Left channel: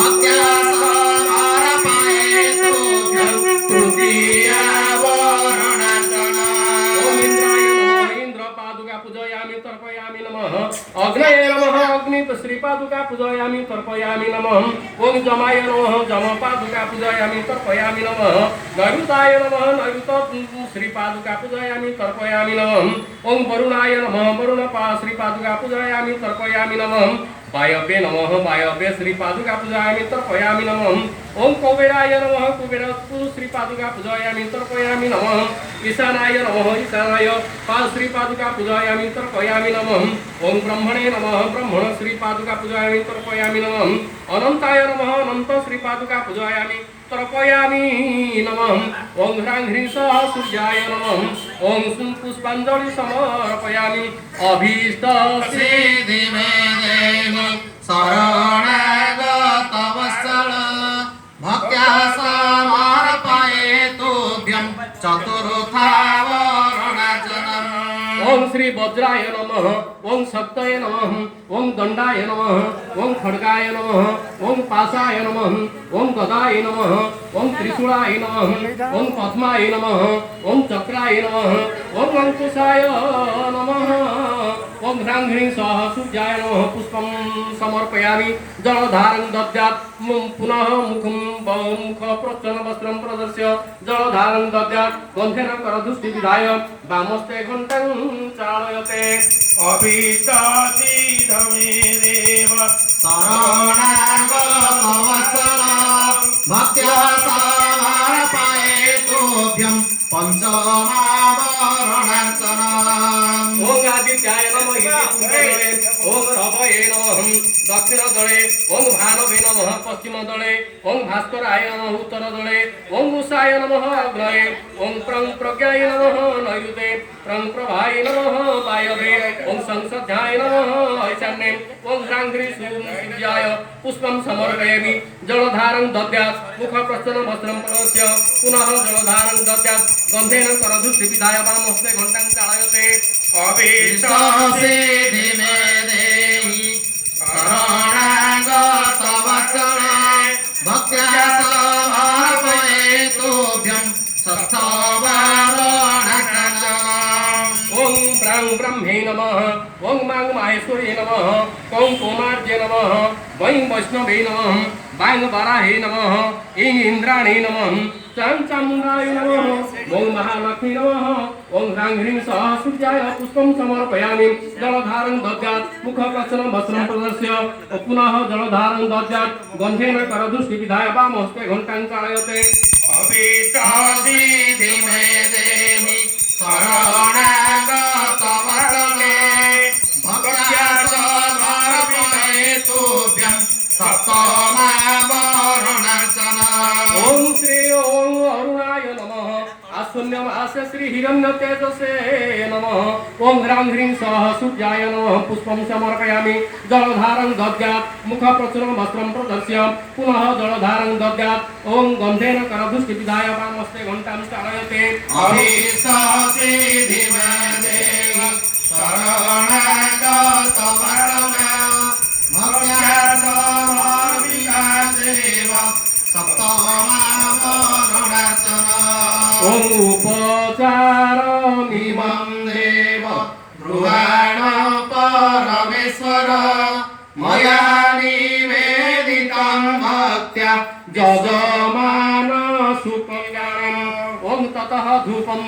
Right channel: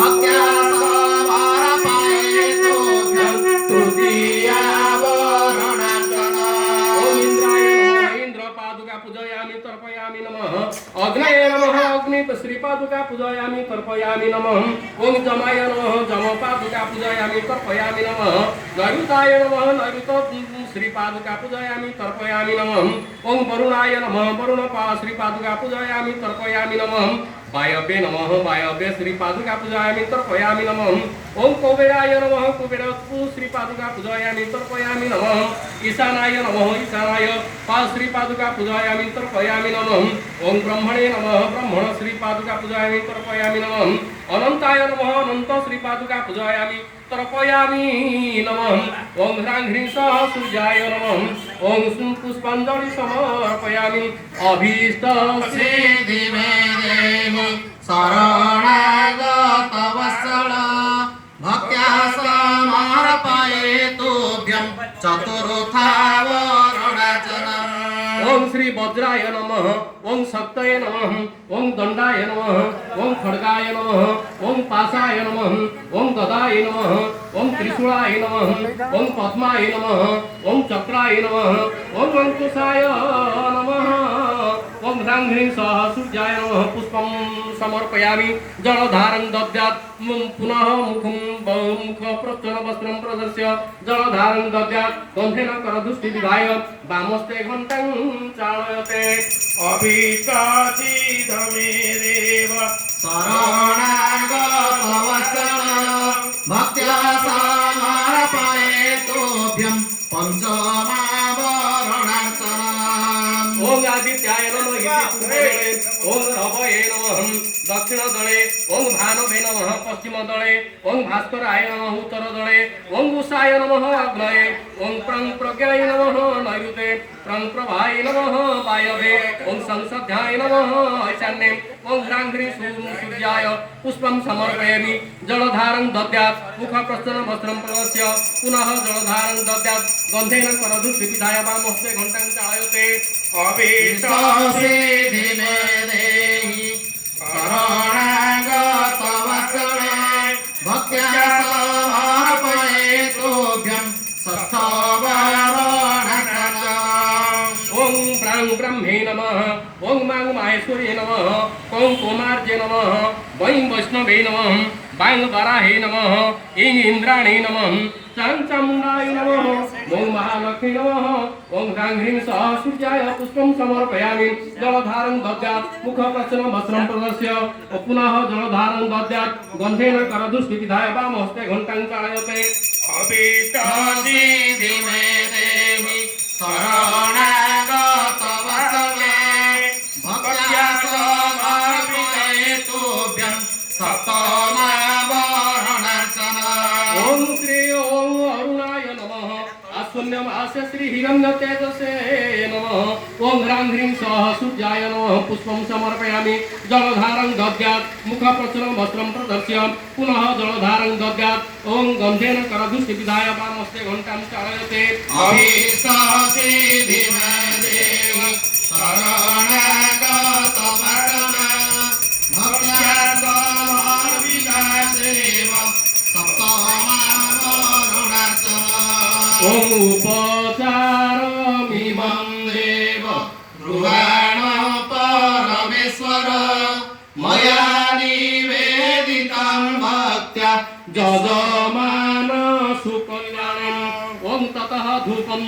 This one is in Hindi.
भक्त्या समर्पयेतु तृतीयावरणार्चना। ओम इंद्राय नमः इंद्र पादुका पूजयामि तर्पयामि नमः। अग्नये नमः अग्नि श्री पादुका पूजयामि तर्पयामि नमः। ओम जमाय नमः जम पादुका पूजयामि तर्पयामि नमः। नैऋताय नमः नैऋत श्री पादुका पूजयामि तर्पयामि नमः। ओम वरुणाय नमः वरुण श्री पादुका पूजयामि तर्पयामि नमः। वायव्ये नमः वायव्ये श्री पादुका पूजयामि तर्पयामि नमः। ओम कुबेराय नमः कुबेर श्री पादुका पूजयामि तर्पयामि नमः। ईशानाय नमः ईशानाय श्री पादुका पूजयामि तर्पयामि नमः। ओम ब्रह्मणे नमः ब्रह्मण श्री पादुका पूजयामि तर्पयामि नमः। अनंताय नमः अनंत श्री पादुका पूजयामि तर्पयामि नमः। ओम ह्रां ह्रीं सः सूर्याय नमः। ओम पुष्पांजलि समर्पयामि अभीष्ट सिद्धि मे देहि शरणागत वत्सल भक्त्या समर्पयेतुभ्यं चतुर्थावरणार्चना। ओम श्री वज्राय नमः ओम शक्तये नमः ओम दंडाय नमः ओम खड्गाय नमः ओम पाशाय नमः ओम गदाय नमः ओम त्रिशूलाय नमः ओम पद्माय नमः ओम चक्राय नमः ओम अंकुशाय नमः। ओम ह्रां ह्रीं सः सूर्याय नमः पुष्पं समर्पयामि जलधारं दद्यात् पुनः मुखं मुख प्रच्छन्न वस्त्रं प्रदर्श्य जलधारं दद्यात् गन्धेन करधुष्टि विधाय वामस्ते घण्टां चालयते। अभीष्टसिद्धमे देव शरणागत वत्सल भक्त्या समर्पयेतुभ्यं पञ्चमावरणार्चना। ओम आदित्याय नमः ओम रवये नमः दक्षिण दले ओम भानवे नमः पश्चिम दले ओम भास्कराय नमः उत्तर दले ओम उषाय नमः अग्नये ओम प्रज्ञाय नमः नैऋते प्रभाय नमः वायव्ये ओम संसद्याय नमः ईशान्ये ओम ह्रां ह्रीं सूर्याय पुष्पं समर्पयामि जलधारं दद्यात् मुख प्रच्छन्न वस्त्रं प्रदर्श्य पुनः जलधारं दद्यात् गन्धेन करधुष्टि विधाय वामहस्ते घण्टां चालयते। अभीष्टसिद्धि मे देहि शरणागत वत्सल भक्त्या समर्पयेतुभ्यं षष्ठावरणार्चना। ओम ब्रां ब्रह्मे नमः ओम मां माहेश्वर्ये नमः ओम कुमार्ये नमः वैं वैष्णवे नमः वां वराहे नमः ऐं इंद्राणे नमः चां चामुण्डाय नमः ओम महालक्ष्मी नमः ओम ह्रां ह्रीं सः सूर्याय पुष्पं समर्पयामि जलधारं दद्यात् मुख प्रच्छन्नं वस्त्रं प्रदर्श्य पुनः जलधारं दद्यात् गन्धेन करधुष्टि विधाय वामहस्ते घण्टां चालयते। अभीष्टसिद्धि मे देहि शरणागत वत्सल भक्त्या समर्पयेतुभ्यं सप्तमावरणार्चना। ओम श्री ओम अरुणाय नमः आशून्यम आस्य श्री हिरण्य तेजसे नमः। ओम ह्रां ह्रीं सः सूर्याय नमः पुष्पं समर्पयामि जलधारं दद्यात् मुख प्रच्छन्नं वस्त्रं प्रदर्श्य पुनः जलधारं दद्यात् ओम गन्धेन करधुष्टि विधाय वामहस्ते घण्टां चालयते। अभीष्टसिद्धि मे देहि शरणागत वत्सल भक्त्या समर्पयेतुभ्यं सप्तमावरणार्चना। ओम उपचारमिमं देव ब्रुवाण परमेश्वर मया निवेदितं भक्त्या जजमान सुकल्याणम् ओम ततः धूपं